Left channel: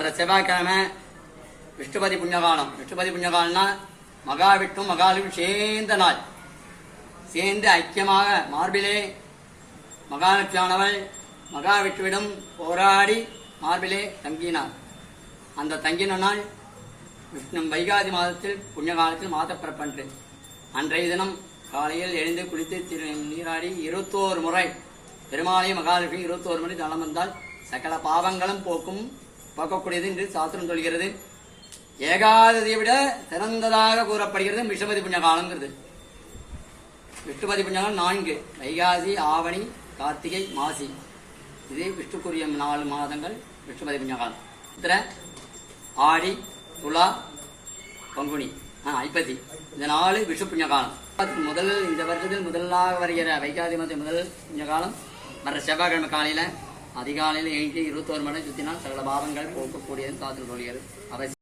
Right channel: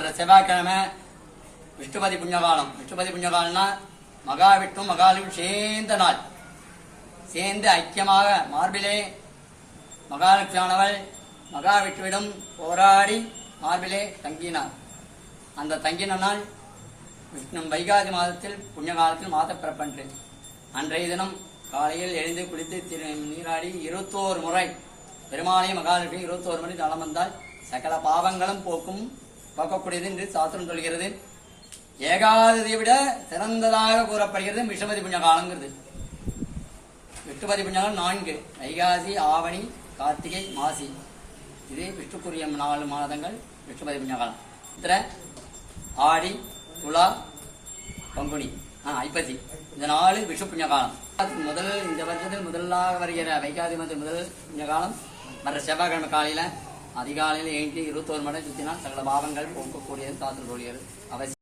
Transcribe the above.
வர்ற செவ்வாய்க்கிழமை விஷ்ணுபதி புண்ணியகாலம். விஷ்ணுபதி புண்ணியகாலம்னா மகாவிஷ்ணும் மகாலட்சுமி சேர்ந்த நாள். சேர்ந்து ஐக்கியமாக மார்பிலே மகாலட்சுமியானவள் மகாவிஷ்ணுவிடம் போராடி மார்பிலே தங்கினார். அந்த தங்கின நாள் விஷ்ணு வைகாதி மாதத்தில் புண்ணியகாலத்தில் மாதப்பிறப்பன்று. அன்றைய தினம் காலையில் எழுந்து குளித்து நீராடி 21 முறை பெருமாளையும் மகாலட்சுமி 21 முறை தளம் வந்தால் சகல பாவங்களும் போக்கக்கூடியது என்று சாஸ்திரம் சொல்கிறது. ஏகாததியை விட சிறந்ததாக கூறப்படுகிறது விஷ்ணுபதி புண்ணியகாலங்கிறது. விஷ்ணுபதி புண்ணியகாலம் 4: வைகாசி, ஆவணி, கார்த்திகை, மாசி. இது விஷ்ணுக்குரிய 4 மாதங்கள் விஷ்ணுபதி புண்ணியகாலம். இதில் ஆடி, துலா, பங்குனி, ஐப்பசி, இந்த 4 விஷ்ணு புண்ணியகாலம். இந்த வருஷத்தில் முதலாக வருகிற வைகாதி மாதம் முதல் புண்ணியகாலம் வர்ற செவ்வாய்க்கிழமை காலையில் அதிகாலையில் எழுந்து 21 மணி சுற்றினால் சகல பாவங்கள் போக்கக்கூடியது சாஸ்திரம் சொல்கிறது. அவசியம்